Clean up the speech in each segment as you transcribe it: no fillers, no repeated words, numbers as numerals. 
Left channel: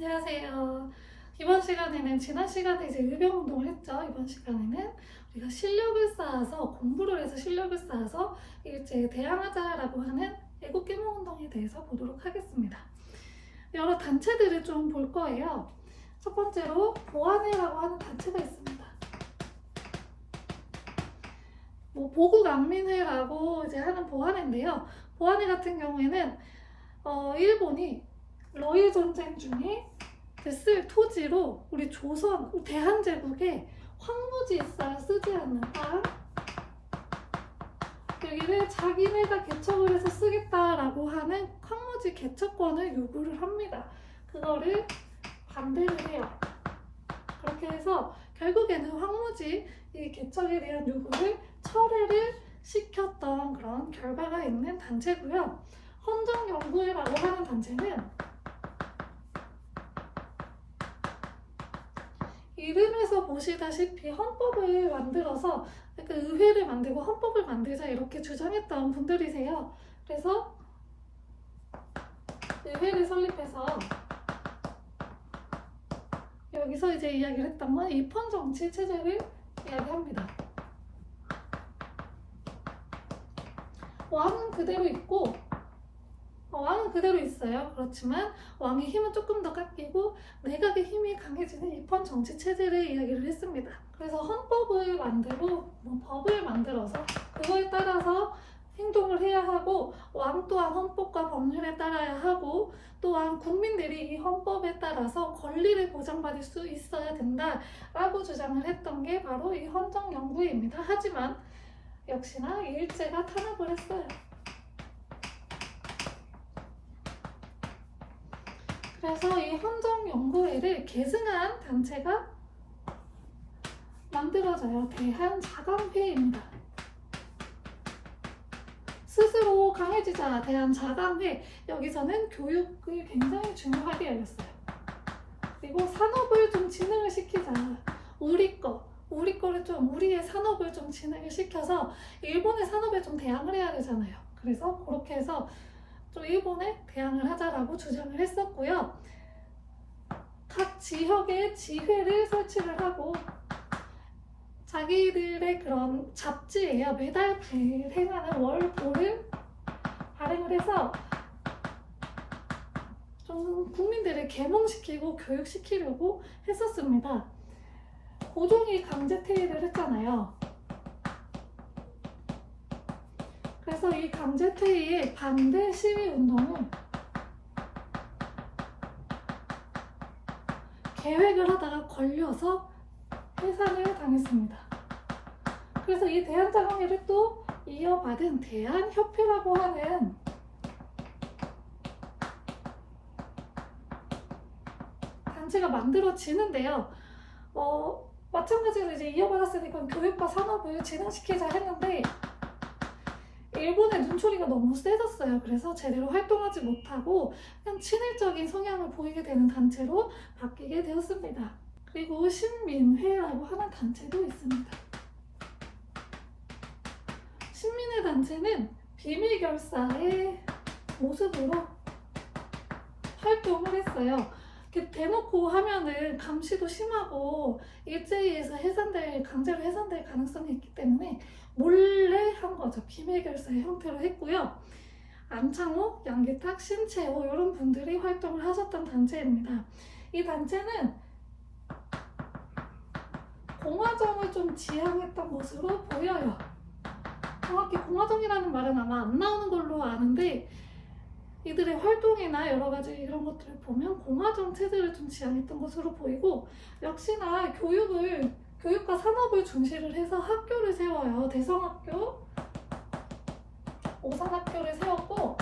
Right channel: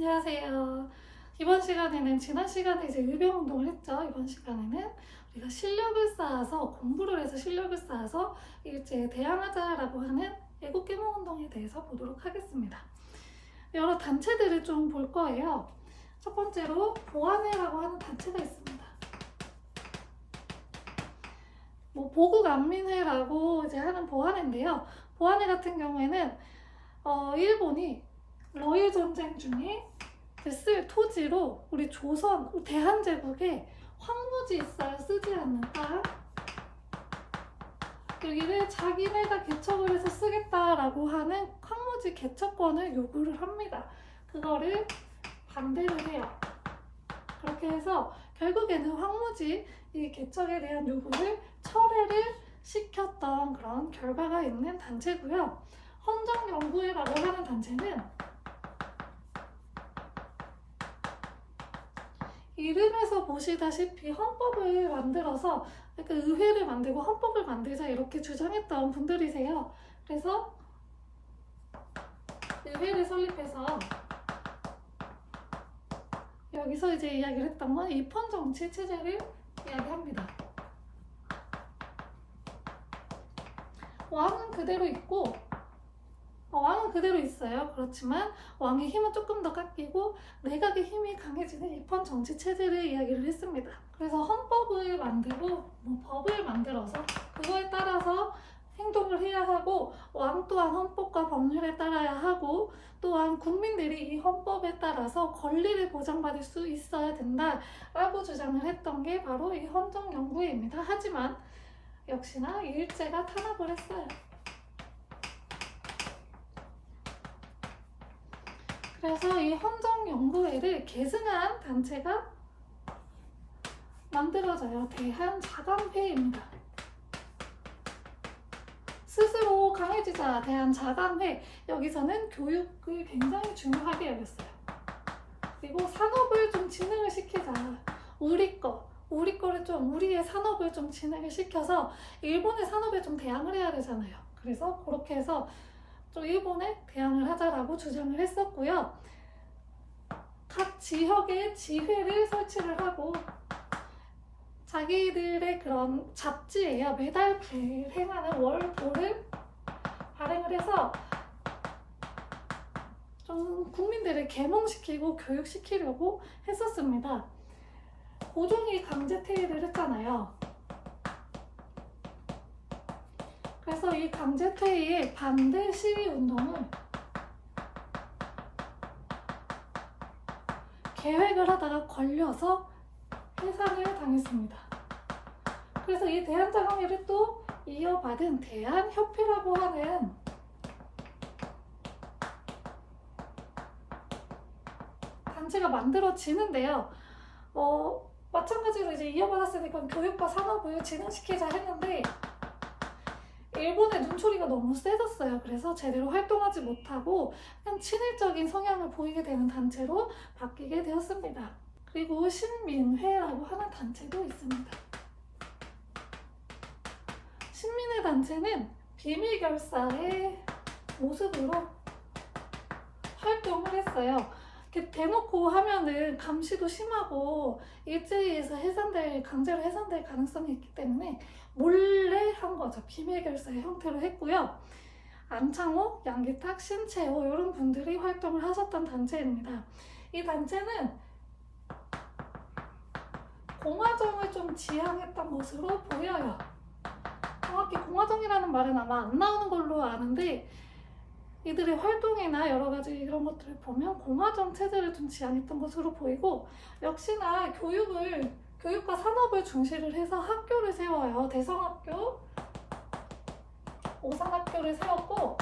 안녕하세요. 이번 시간에는 지난 시간에 이제 의병 운동을 했죠. 이번 시간에는 우리가 실력을 쌓아서 공부를 해서 실력을 쌓아서 일제에 대항하자라고 하는 애국 계몽 운동에 대해서 보도록 하겠습니다. 여러 단체들을 좀 볼 거예요. 첫 번째로 보안회라고 하는 단체가 있습니다. 보국안민회라고 이제 하는 보안회인데요. 보안회 같은 경우에는 일본이 러일 전쟁 중에 쓸 토지로 우리 조선 대한제국에 황무지 있어야 쓰지 않는 땅 여기를 자기네가 개척을 해서 쓰겠다라고 하는 황무지 개척권을 요구를 합니다. 그거를 반대를 해요. 그렇게 해서 결국에는 황무지 이 개척에 대한 요구를 철회를 시켰던 그런 결과가 있는 단체고요. 헌정연구회라고 하는 단체는 이름에서 보시다시피 헌법을 만들어서 의회를 만들고 헌법을 만들자 이렇게 주장했던 분들이세요. 그래서 의회를 설립해서 여기서 이제 이야기를 했던 건 입헌정치 체제를 이야기합니다. 왕은 그대로 있고 왕은 그대로 있어요. 그렇지만 왕의 힘은 조금 더 깎이고 내각의 힘이 강해지는 입헌 정치 체제를 이야기를 했습니다. 그래서 헌법을 만들고 법을 만들어서 그거에 따라서 행동을 해야 하고 왕 또한 헌법과 법률에 따라야 하고 또한 국민들이 이 헌법에 따라서 권리를 보장받을 수 있어야 된다라고 주장을 했던 게 바로 이 헌정연구회입니다. 하지만 역시나 일제가 탄압을 했어요. 그래서 이 헌정연구회를 계승한 단체가 만들어져요. 대한자강회입니다. 스스로 강해지자 대한자강회. 여기서는 교육을 굉장히 중요하게 열렸어요. 그리고 산업을 좀 진흥을 시키자. 우리의 산업을 좀 진흥을 시켜서 일본의 산업에 좀 대항을 해야 되잖아요. 그래서 그렇게 해서 또 일본에 대항을 하자라고 주장을 했었고요. 각 지역에 지회를 설치를 하고 자기들의 그런 잡지예요. 매달 발행하는 월보를 발행을 해서 좀 국민들을 계몽시키고 교육시키려고 했었습니다. 고종이 강제 퇴위를 했잖아요. 그래서 이 강제 퇴위의 반대 시위 운동을 계획을 하다가 걸려서 해산을 당했습니다. 그래서 이 대한자강회를 또 이어받은 대한협회라고 하는 단체가 만들어지는데요. 마찬가지로 이제 이어받았으니까 교육과 산업을 진흥시키자 했는데 일본의 눈초리가 너무 세졌어요. 그래서 제대로 활동하지 못하고 그냥 친일적인 성향을 보이게 되는 단체로 바뀌게 되었습니다. 그리고 신민회라고 하는 단체도 있습니다. 신민회 단체는 비밀결사의 모습으로 활동을 했어요. 대놓고 하면은 감시도 심하고 일제에서 강제로 해산될 가능성이 있기 때문에 몰래 한 거죠. 비밀결사의 형태로 했고요. 안창호, 양기탁, 신채호 이런 분들이 활동을 하셨던 단체입니다. 이 단체는 공화정을 좀 지향했던 것으로 보여요. 정확히 공화정이라는 말은 아마 안 나오는 걸로 아는데 이들의 활동이나 여러 가지 이런 것들을 보면 공화정 체제를 좀 지향했던 것으로 보이고 역시나 교육과 산업을 중시를 해서 학교를 세워요. 대성학교, 오산학교를 세웠고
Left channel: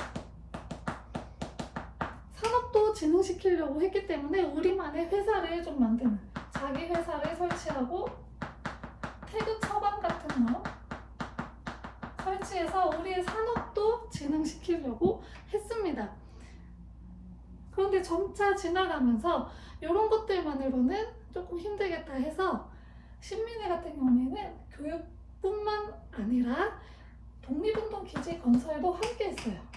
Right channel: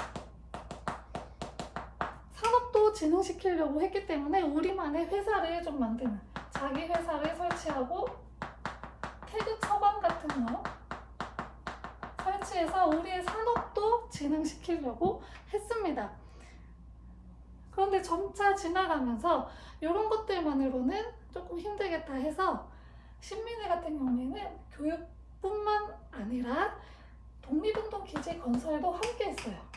산업도 진흥시키려고 했기 때문에 우리만의 회사를 좀 만드는 자기 회사를 설치하고 태극 서방 같은 거 설치해서 우리의 산업도 진흥시키려고 했습니다. 그런데 점차 지나가면서 이런 것들만으로는 조금 힘들겠다 해서 신민회 같은 경우에는 교육뿐만 아니라 독립운동 기지 건설도 都 함께 했어요. はい。 그래서 はい。 이 はい。 독립운동 기지 건설도 함께 했어요. はい。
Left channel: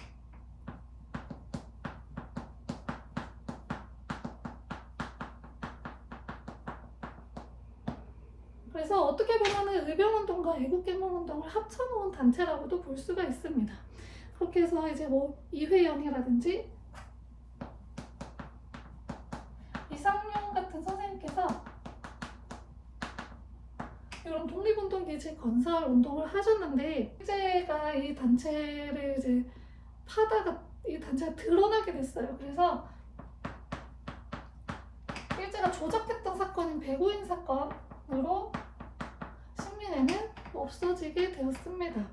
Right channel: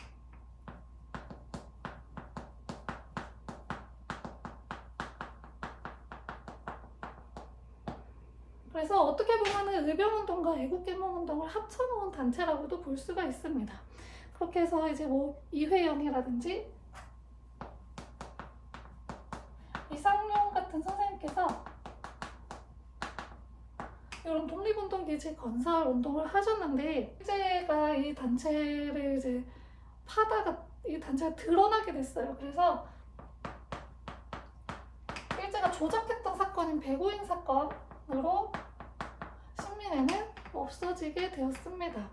설치해서 우리의 산업도 진흥시키려고 했습니다. 그래서 어떻게 보면 의병운동과 애국개몽운동을 합쳐놓은 단체라고도 볼 수가 있습니다. 그렇게 해서 이제 뭐 이회영이라든지 이상용 같은 선생님께서 이런 독립운동기지 건설 운동을 하셨는데 일제가 이 단체를 이제 파다가 이 단체가 드러나게 됐어요. 그래서 일제가 조작했던 사건인 배고인 사건으로 신민회는 없어지게 되었습니다.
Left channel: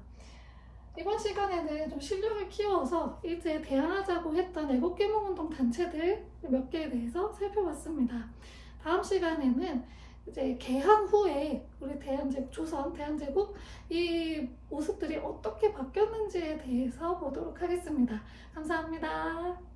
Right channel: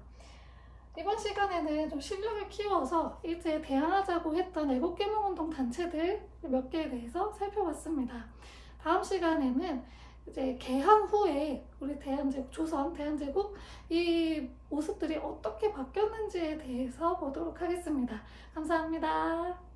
이번 시간에는 좀 실력을 키워서 이제 대항하자고 했던 애국개몽운동 단체들 몇 개에 대해서 살펴봤습니다. 다음 시간에는 이제 개항 후에 우리 대한제국, 조선 대한제국 이 모습들이 어떻게 바뀌었는지에 대해서 보도록 하겠습니다. 감사합니다.